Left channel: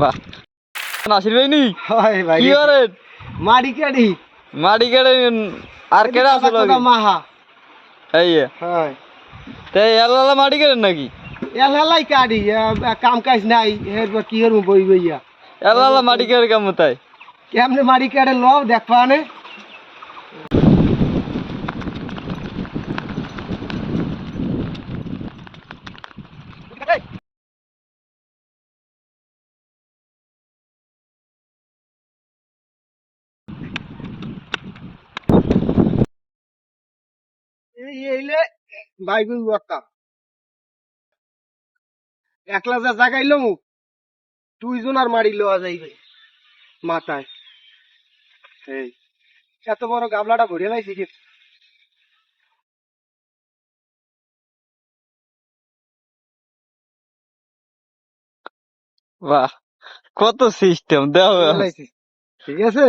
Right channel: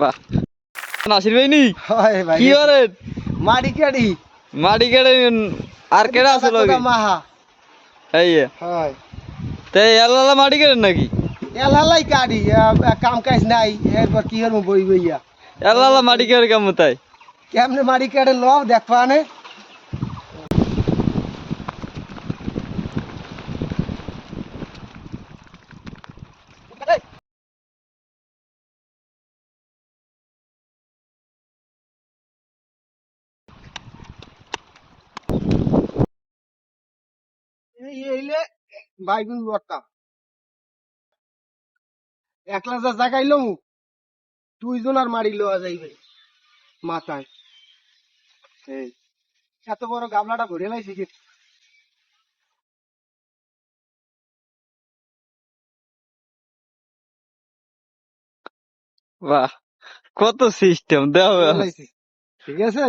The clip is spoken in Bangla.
বাহ নাসির ভাই নি হয় ভাই কি করেন মাড়ি কাড়ি মাটি কেটে আর কেটে আছে লগে মাহা এই হয় তাই আল্লাহ মাটি কেটেন নাকি এলাই কাড়ি কাম কাজ নাই এরপর কি হরম বই বইয়া আল্লাহ মাটি কেটে কেমন তাই কেমনে মাড়ি কাড়ে ল দেখবা নে এই এইলে বাইগুন বর্তা একলা যা জাগাইলো দুইজন আর মারি লওয়া যাইবে মাথায় এই এত বড় গাবলাটা ভরে লাইছি কি বাহ কত সিস্টেম দেও ভরে লাইছি ঠিক আছে